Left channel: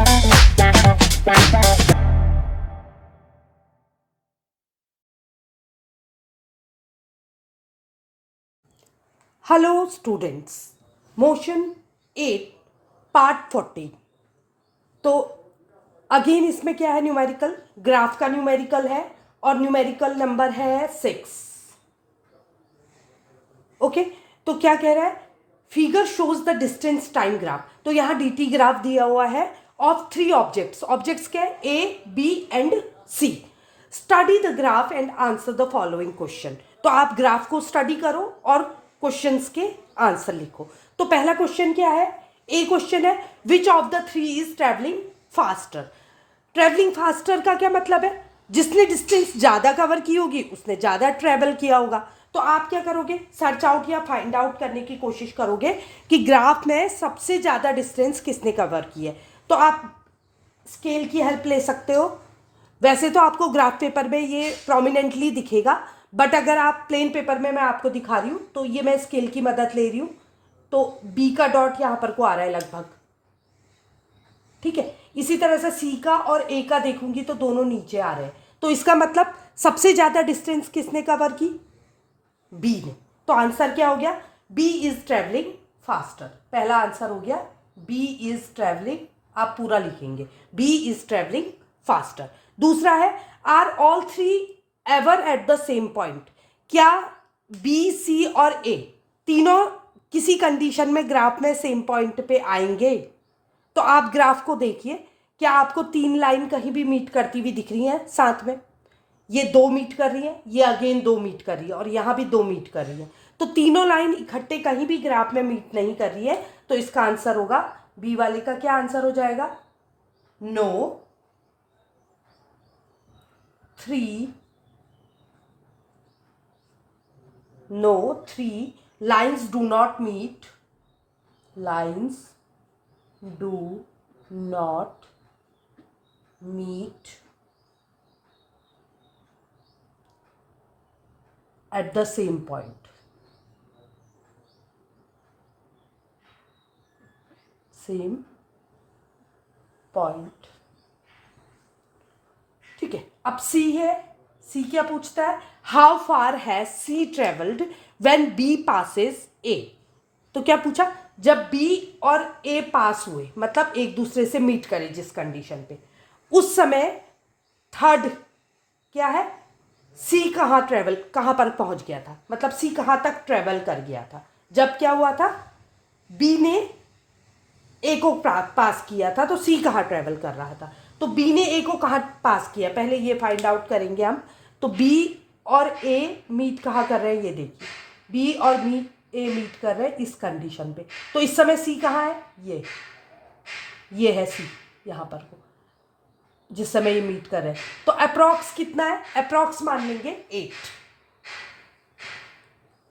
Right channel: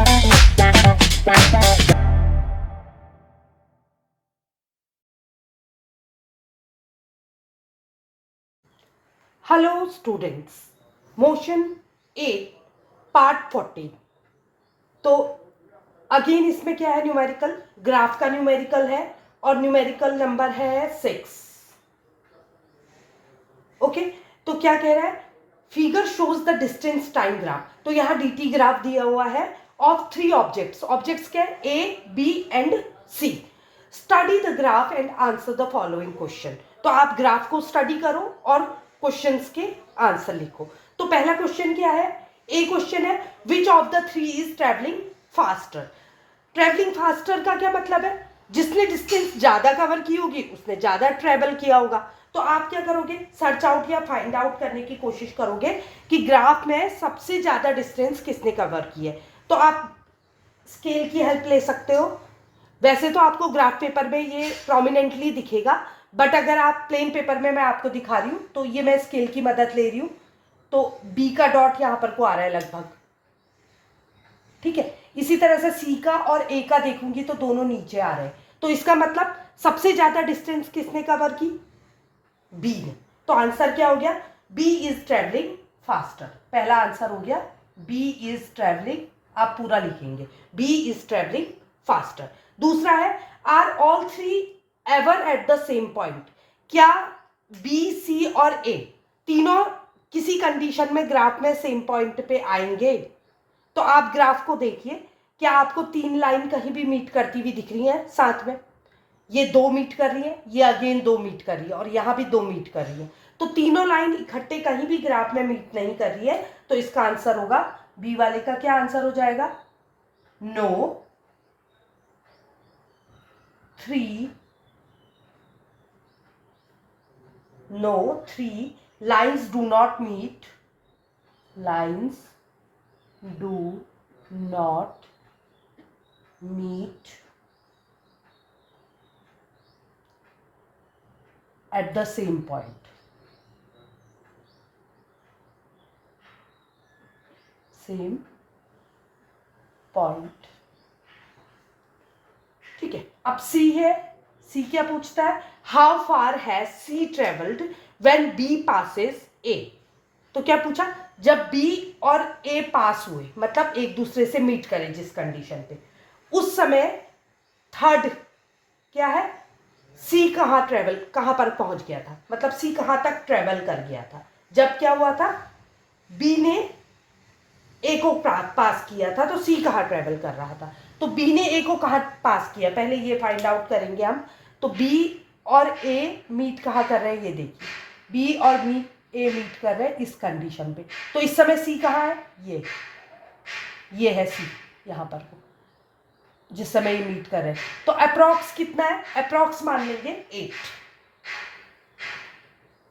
Hello students, motion 8 part 40। तो again इसमें क्या है, न्यूमेरिकल, ग्राफ का न्यूमेरिकल है और न्यूमेरिकल नंबर है 6। ओके, तो क्या कह रहा है, figure shows the distance time graph. तो यहाँ dt ग्राफ दिया हुआ है ऑफ 3 ऑब्जेक्ट्स। ऑब्जेक्ट्स क्या है, A, B and C। Study the graph and answer the following question. तो आप ग्राफ को स्टडी करो और क्वेश्चंस के आंसर लिखो। तो पहला क्वेश्चन क्या है, ए क्वेश्चन है, which of the three is travelling faster. Travelling faster का क्या मतलब है, जिसने डिस्टेंस ज्यादा कवर की होगी उसने ज्यादा ट्रेवल किया होगा। तो आप क्या करोगे, सर्च आउट या फाइंड आउट करने की कोशिश करोगे कि ग्राफ में सबसे ज्यादा डिस्टेंस किसने कवर की है। तो आप स्केल की हेल्प ले सकते हो। वैसे तो आपको ग्राफ पेपर में ये प्रोमिनेंटली दिखेगा, बट अगर आप प्लेन पेपर में मैं आपको दिखा रही हूं तो ये मैं स्केल की मदद ले रही हूं। तो बी का डॉट यहां पर को आ रहा है लगभग, ठीक है। इसी तरह से सी का और ए का देखूंगी तो दोनों नीचे आ रहे हैं। तो इसका मतलब सबसे ज्यादा डिस्टेंस किसने कवर की, बी ने। तो आंसर क्या हो गया, बी इज ट्रेवलिंग फास्टर। पहला आंसर हो गया बी इज ट्रेवलिंग, आप पूरा लिखेंगे, बी इज ट्रेवलिंग फास्टर। दूसरा है, are all three ever at the same point. क्या बी, सी और ए तीनों किसी कंडीशन में ग्राफ में सेम पॉइंट पे आएंगे। तो आप ग्राफ को देखिए, क्या आपको 3 लाइन कहीं भी मीट करती हुई दिख रही है साथ में, ये 2 मीट कर रही है, ये अगेन 2 मीट कर रही है और यहां भी 2 मीट कर रही है। तो तीनों लाइन इकट्ठे कहीं भी ग्राफ में मीट नहीं कर रही है। तो इसका आंसर होगा, बी वाले का क्या आंसर हो जाएगा, no 3 lines do not meet, lines do not meet at the same point, same point। ठीक है, अब सी है, सी क्या पूछता है, how far has C travelled when B passes A. तो क्या पूछा, जब बी और ए पास हुए, मतलब एक दूसरे से मीट करें जिस कंडीशन पे, उस समय थर्ड क्या है, सी कहां पर पहुंच गया था, मतलब सी कहां तक ट्रेवल कर गया था जब क्या हुआ था, बी ने ए को पास किया था। तो सी कहाँ ट्रेवल कर रहा था, तो बी ने ए को कहाँ पास किया, पहले ये फाइंड आउट करेंगे हम। तो बी और ए मीट कहाँ कर रहे हैं, ये देखिए, बी और बी ए मीट कर रहे हैं इस कंडीशन पे। तो इस समय सी कहाँ है, ये है सी यहाँ पर जिस समय ये मीट कर रहे हैं। तो अप्रॉक्स कितना है, अप्रॉक्स मान लेंगे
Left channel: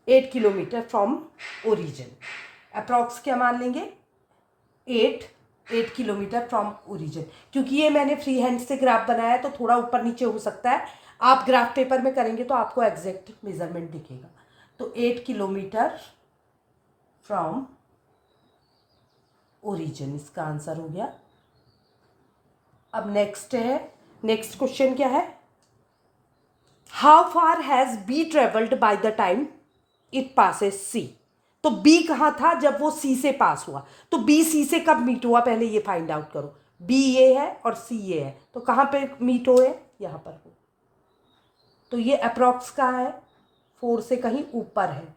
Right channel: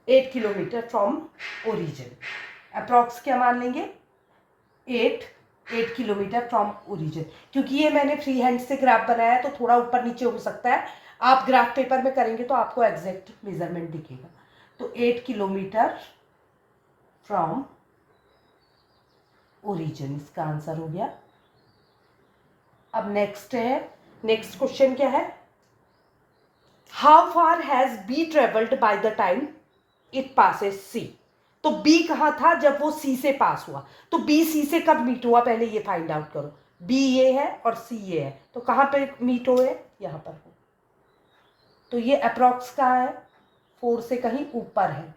8 किलोमीटर फ्रॉम ओरिजिन। अप्रॉक्स क्या मान लेंगे, 8 किलोमीटर फ्रॉम ओरिजिन। क्योंकि ये मैंने फ्री हैंड से ग्राफ बनाया है तो थोड़ा ऊपर नीचे हो सकता है, आप ग्राफ पेपर में करेंगे तो आपको एग्जैक्ट मेजरमेंट दिखेगा। तो 8 किलोमीटर फ्रॉम ओरिजिन इसका आंसर हो गया। अब नेक्स्ट क्वेश्चन क्या है, how far has B travelled by the time it passes C. तो बी कहां था जब वो सी से पास हुआ, तो बी सी से कब मीट हुआ, पहले ये फाइंड आउट करो। बी ये है और सी ये है, तो कहां पे मीट हुए, यहां पर हो। तो ये अप्रॉक्स कहाँ है, 4 से कहीं ऊपर है,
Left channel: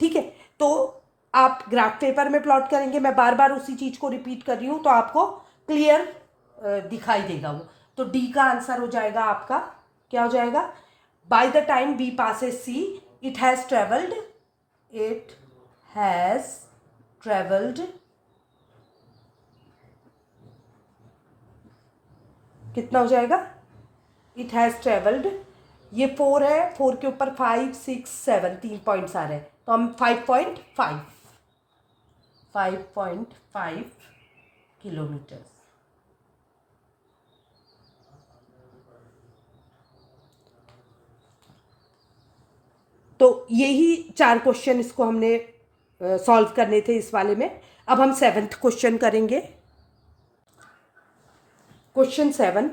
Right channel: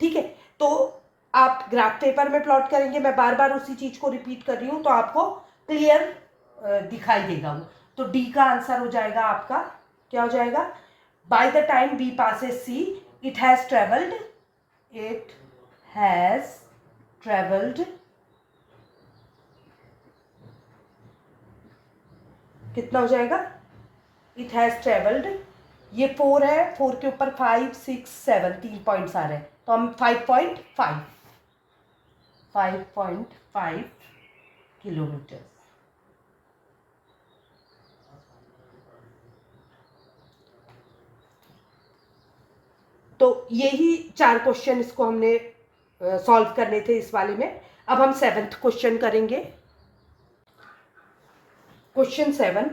ठीक है। तो आप ग्राफ पेपर में प्लॉट करेंगे, मैं बार बार उसी चीज को रिपीट कर रही हूं तो आपको क्लियर दिखाई देगा वो। तो डी का आंसर हो जाएगा आपका, क्या हो जाएगा, by the time B passes C it has travelled कितना हो जाएगा, इट हैज ट्रेवल्ड, ये 4 है, 4 के ऊपर 5 6 7 3 पॉइंट्स आ रहे हैं, तो हम 5.5 किलोमीटर। तो यही 4 क्वेश्चन इसको हमने सॉल्व करने थे इस वाले में। अब हम 7th क्वेश्चन करेंगे। Question 7.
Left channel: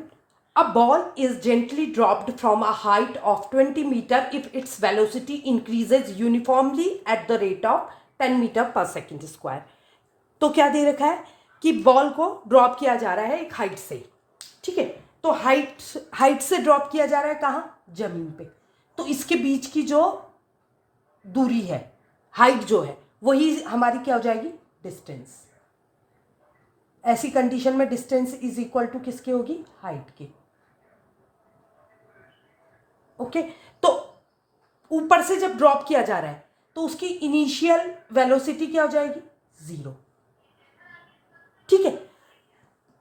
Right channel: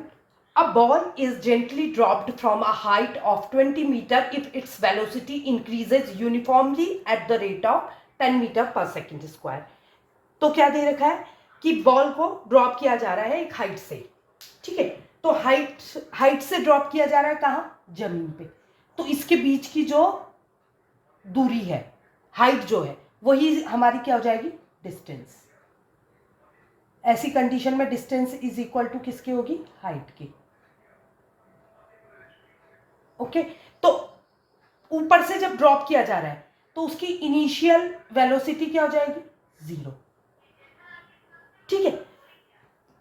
A ball is gently dropped from a height of 20 meter if its velocity increases uniformly at the rate of 10 meter per second square. तो क्या दे रखा है कि बॉल को ड्रॉप किया जा रहा है एक हाइट से, ठीक है। तो हाइट से ड्रॉप किया जा रहा है कहाँ, जमीन पे। तो इसके बीच की जो दूरी है, हाइट जो है, वही हमारी क्या हो जाएगी, डिस्टेंस। ऐसी कंडीशन में डिस्टेंस इज इक्वल टू किसके होगी, हाइट की। ओके, तो ऊपर से जब ड्रॉप किया जा रहा है तो उसकी इनिशियल वेलोसिटी क्या हो जाएगी, 0, ठीक है।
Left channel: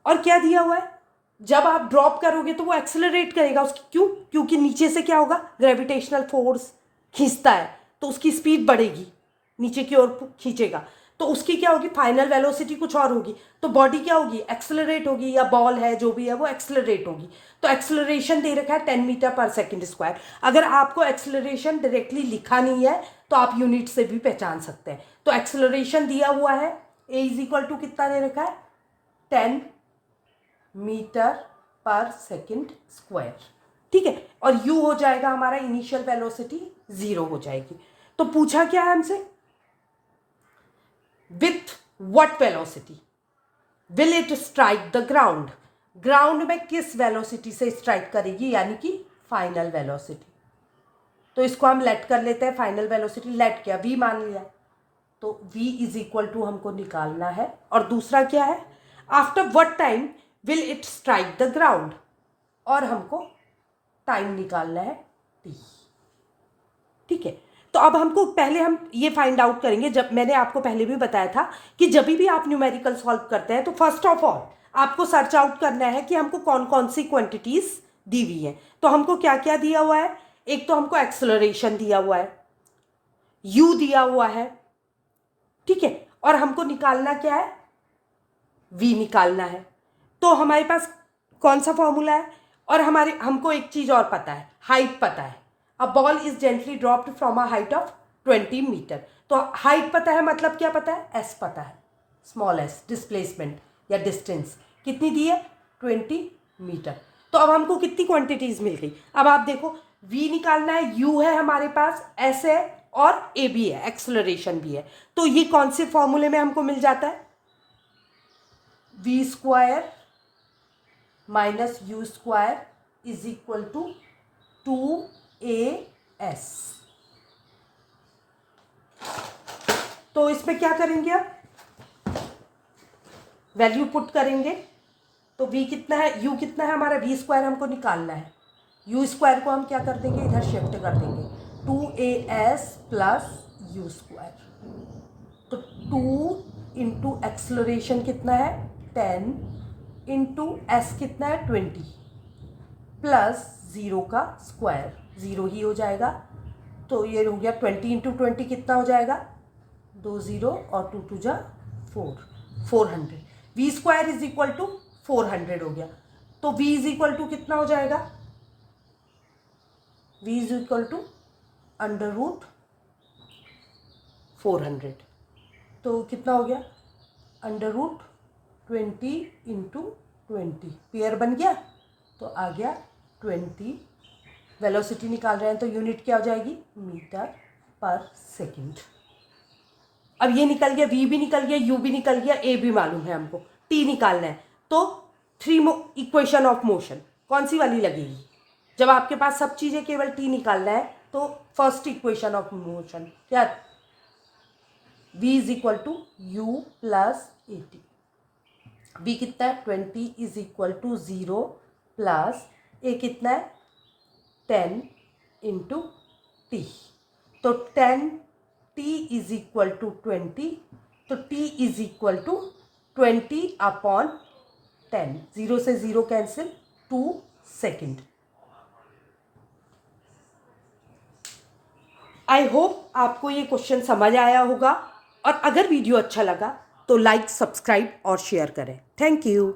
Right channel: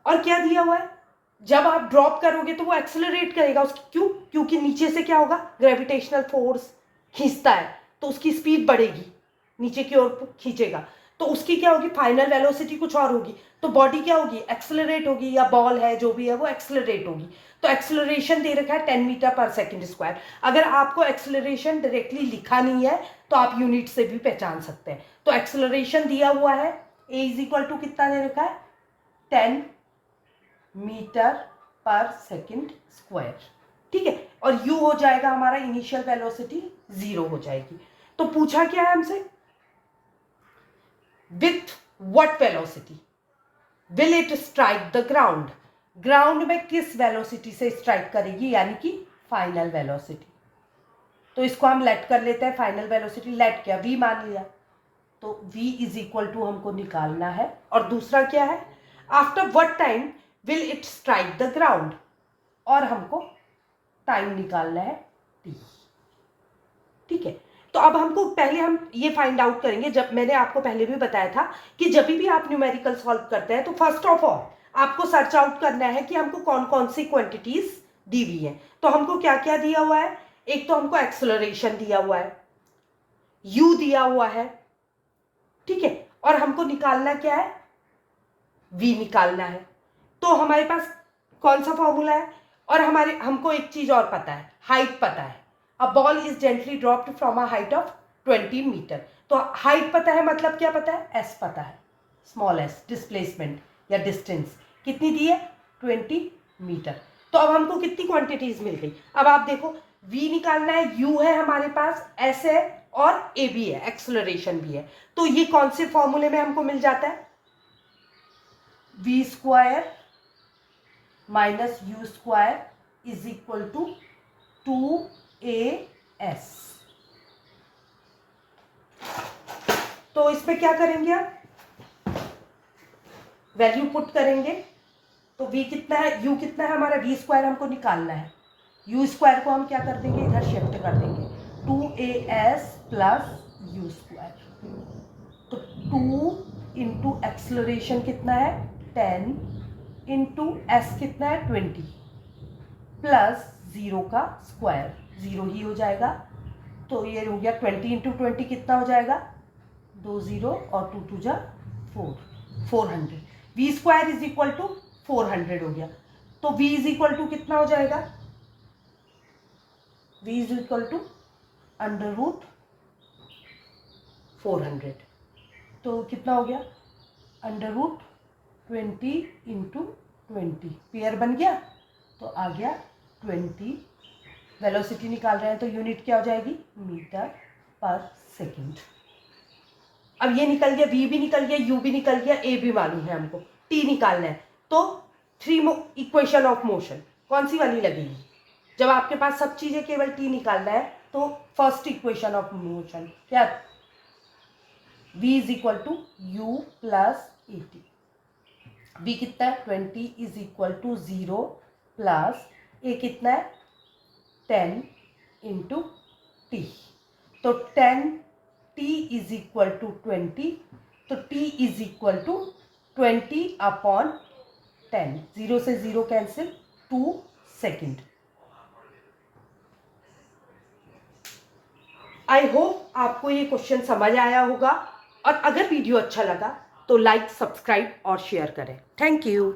और क्या दिया हुआ है, जब आप ड्रॉप करोगे तो वो एक्सेलरेट करेगा उसकी, क्यों, क्योंकि नीचे से क्या होगा, ग्रेविटेशनल फोर्स खींचता है, तो उसकी स्पीड बढ़ेगी, नीचे की ओर खींचेगा, तो उसकी क्या होगी, फाइनल वेलोसिटी कुछ और होगी। तो बॉडी क्या होगी, एक्सेलरेट होगी, या बॉल है जो भी है वो एक्सेलरेट होगी। तो एक्सेलरेशन दे रखा है 10 मीटर पर सेकंड स्क्वायर। अगर आपको एक्सेलरेशन डायरेक्टली लिखा नहीं है तो आप यूनिट से भी पहचान सकते हैं। तो एक्सेलरेशन दिया हुआ है, ए इज इक्वल टू कितना दे रखा है, 10 मीटर पर सेकंड स्क्वायर, ठीक है। और यू हो जाएगा हमारा इनिशियल वेलोसिटी 0 हो जाएगी। तो पूछा क्या है हमसे, with what velocity will it strike the ground, ground में किस वेलोसिटी से स्ट्राइक करेगी, यानी कि फाइनल वेलोसिटी। तो इसको हम लेट कर लेते हैं, फाइनल वेलोसिटी लेट किया, v मान लिया, तो v इज इक्वल टू हमको निकालना है। और दूसरा क्या है, after what time will it strike the ground, और हमको टाइम निकालना है t, ठीक है। तो अब हमको पहले हम ये फाइंड आउट करेंगे, जब मैंने आपको पहले भी बताया था कि जब भी आप न्यूमेरिकल सॉल्व करते हैं तो फर्स्ट ऑफ ऑल आपको सर्च आउट करना है कि हमको कौन कौन सी क्वांटिटीज दी हुई है। तो हमको क्या क्या दिया हुआ है, एक तो हमको एक्सेलरेशन दिया हुआ है, u दिया हुआ है, ठीक है, और हमको निकालना क्या है, v निकालना है। तो हमारे पास कौन सा फॉर्मूला है, और हमको एक चीज और पता है, हाइट पता है। A ball is gently dropped from a height of 20 metre. तो हाइट पता है, मतलब क्या पता है, s पता है, स्मॉल s, डिस्प्लेसमेंट या डिस्टेंस कितनी दी है, 20 मीटर। तो अब हमको कितनी क्वांटिटीज मिल गई। अब आप देखो, v निकालना है, u है हमारे पास, s है, और a भी है, एक्सेलरेशन भी है। तो ये कौन से फॉर्मूले में हमको मिल जाता है, v square minus u square is equal to 2as। तो इसमें क्या करेंगे, अब वैल्यू पुट करेंगे। तो v कितना है, u कितना है हमारा, v स्क्वायर हमको निकालना है, u स्क्वायर को हम क्या कर देंगे, इधर शिफ्ट कर देंगे, 2as प्लस u स्क्वायर। तो 2 इंटू एक्सलरेशन कितना है, 10 इंटू s कितना है, 20 प्लस 0 का स्क्वायर, 0 ही हो जाएगा। तो ये हो गया 20 इंटू 20 कितना हो जाएगा, 2 0 और 2 2 जा 400। v square is equal to 400 हो गया। तो v इज इक्वल टू कितना हो जाएगा, v is equal to under root 400। तो कितना हो गया, अंडर रूट 20 इंटू 20, पेयर बन गया, तो आ गया 20। वेलोसिटी निकाल रहे हैं तो यूनिट क्या हो जाएगी, मीटर पर सेकंड। अब ये निकल गया, v भी निकल गया, u भी निकल गया, a भी मालूम है हमको, t निकालना है। तो 3 इक्वेशन ऑफ मोशन कौन सी वाली लगेगी, जब आपके पास सब चीजें केवल t निकालना है तो फर्स्ट इक्वेशन ऑफ मोशन क्या, v is equal to u plus at। v कितना है, 20 is equal to 0 plus a कितना है, 10 इंटू टी। तो 10t इज इक्वल टू 20, तो t is equal to 20 upon 10, 0 से 0 कैंसिल, 2 सेकेंड। आई होप आपको ये क्वेश्चन समझ आया होगा, और अगर वीडियो अच्छा लगा तो लाइक, सब्सक्राइब और शेयर करें। Thank you.